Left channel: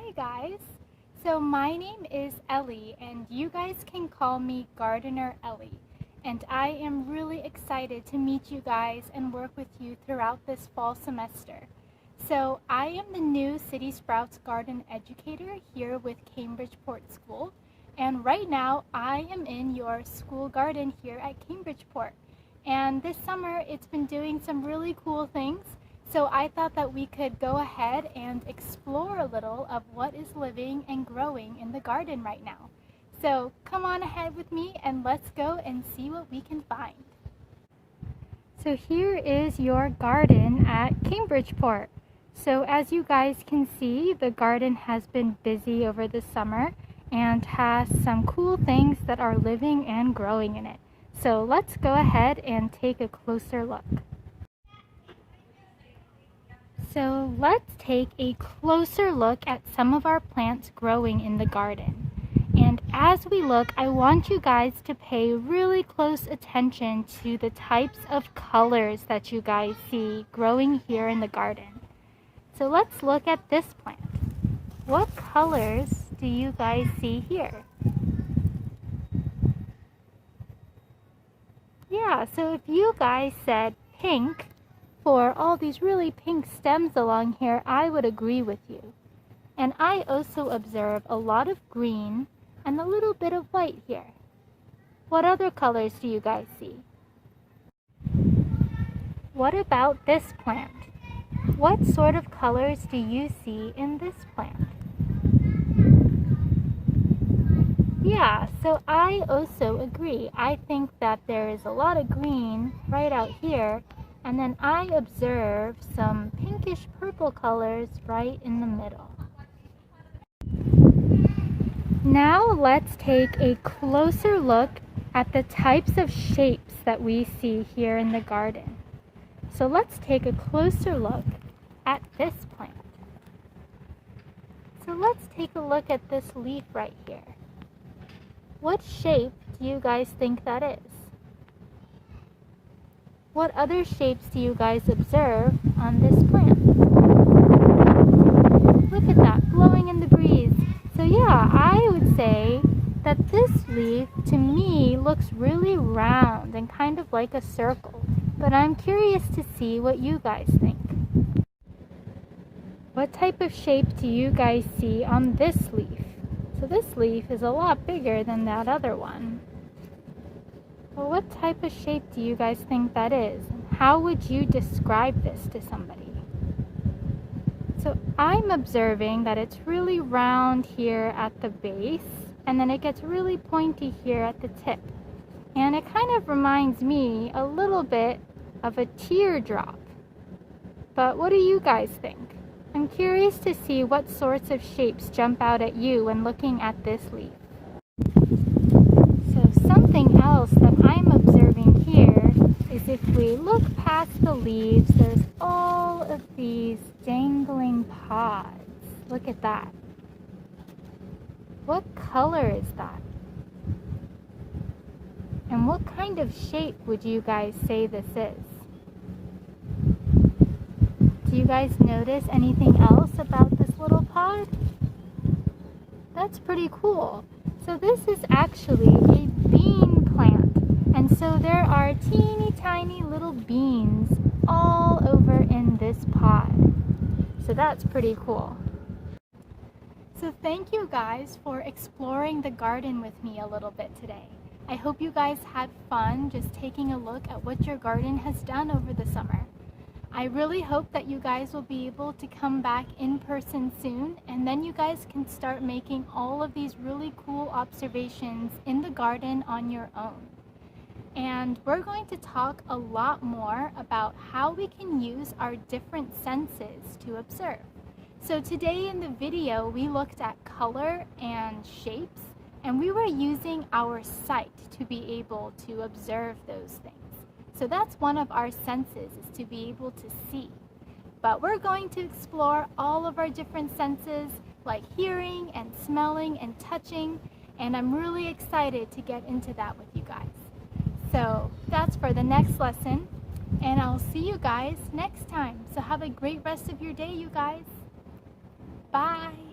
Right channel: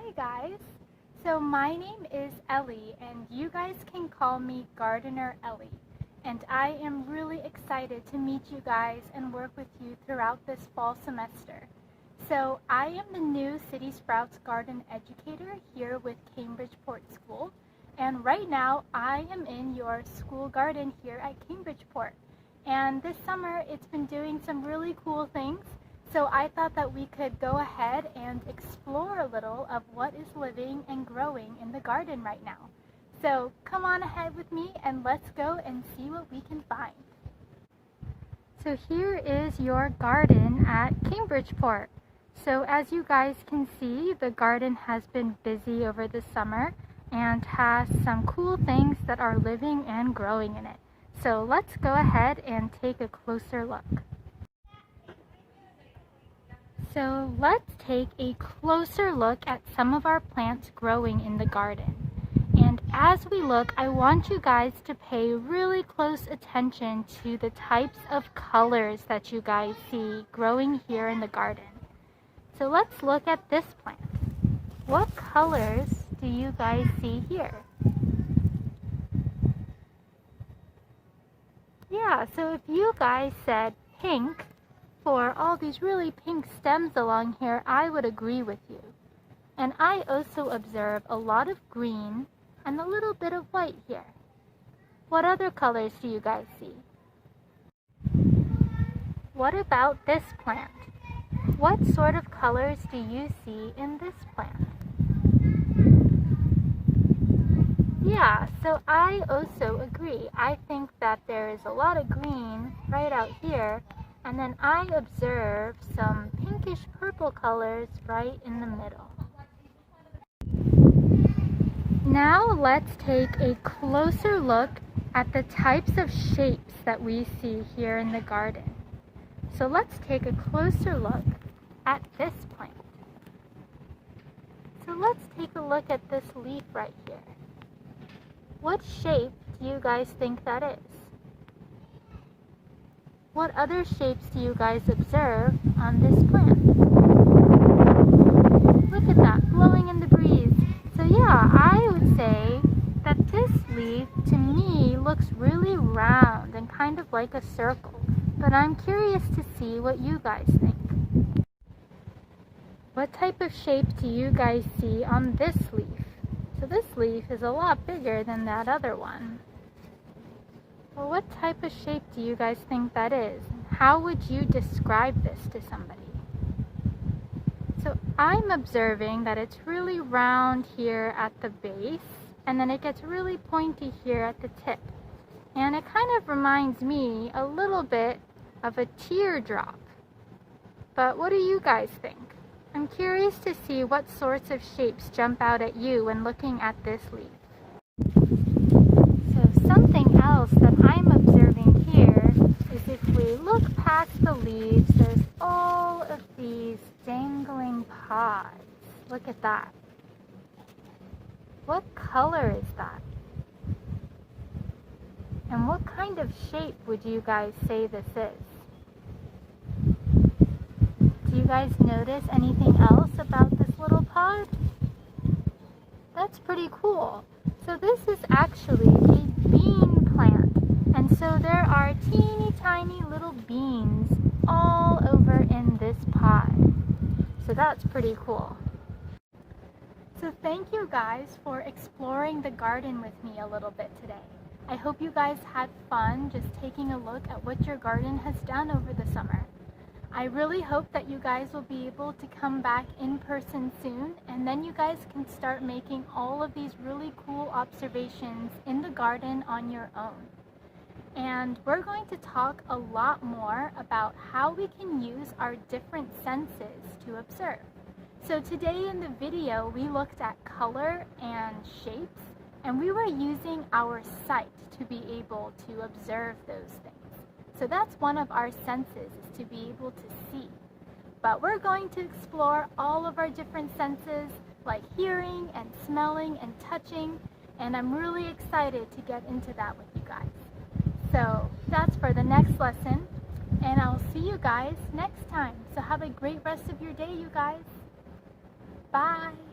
Hi guys! So my name is Ellie and you guys can call me Gardener Ellie, and I am really excited to meet you guys and work with you throughout this fall semester. So I am the new City Sprouts Garden Educator here with CPort School, and right now I am in your school garden here at CPort. And this summer it's been doing some really cool things. So I thought that we could go ahead and explore a little of what is living and growing in the garden right now. So come on ahead with me and let's go and see what we can find. So here is your garden at CPort. So as you guys can see, the garden has been busy over the summer and has some cool things that are living and growing in it. So let's go ahead and take a closer look. So let's take a closer look at some of our plants growing in the garden. And as we look, I want you guys to pay really close attention to the types of colors that you guys see growing here in the garden. So let's look at this plant. What colors do you guys see here? Yeah, so if you guys said pink, for all these really pink stems along here, I would agree with you. And I also observe a lot of green and a little bit of white here. What other colors do you guys see? What about this plant? What sort of colors do you see in this plant? Yeah, so I also agree. I think that there is a lot of green right out here. And then I observe some pinkish purple colors right in the middle. Now let's take a closer look at the types of shapes that we see here in the garden. So let's take a closer look at this plant. So let's take a look at this leaf right here. What shape do you guys think that is? What other shapes do you guys observe on this plant? Look at that, blowing in the breeze. So yeah, I would say that this leaf, to me, looks really round and kind of like a circle. But I'm curious to see what you guys think. What type of shape do you guys see on this leaf? So this leaf is a lot bigger than that other one. Well, what type of shape do you guys think that is? How would you describe this to somebody? So I'm observing that it's really round here at the base, and then it gets really pointy here at the tip. And it kind of reminds me a little bit of a teardrop. But what do you guys think? I'm curious to see what sorts of shapes jump out at you when looking at this leaf. So something else that I'm observing here is if we look past the leaves, there's all of these dangling pods. Look at that. What color is that? And what kind of shape would you guys say this is? Do you guys notice anything else about this little pod? That's pretty cool. So this is actually a bean plant, and so there are teeny tiny little beans all over in this pod. So that's pretty cool. So thank you guys for exploring the garden with me a little bit today. I hope you guys had fun just taking a look at what your garden has done over the summer. I really hope that you guys will be able to come back in person soon, and then you guys can start making all of these really cool observations in the garden on your own. And we're going to talk a lot more about how we can use our different senses to observe. So today in the video, we looked at color and shapes, and we were using our sight to be able to observe those things. So that's one of our senses, is to be able to see. But we're going to explore all of our different senses, like hearing and smelling and touching, and I'm really excited to get into that with you guys. So that's for the next lesson, and I'll see you guys next time. So have a great rest of your day, you guys. Bye.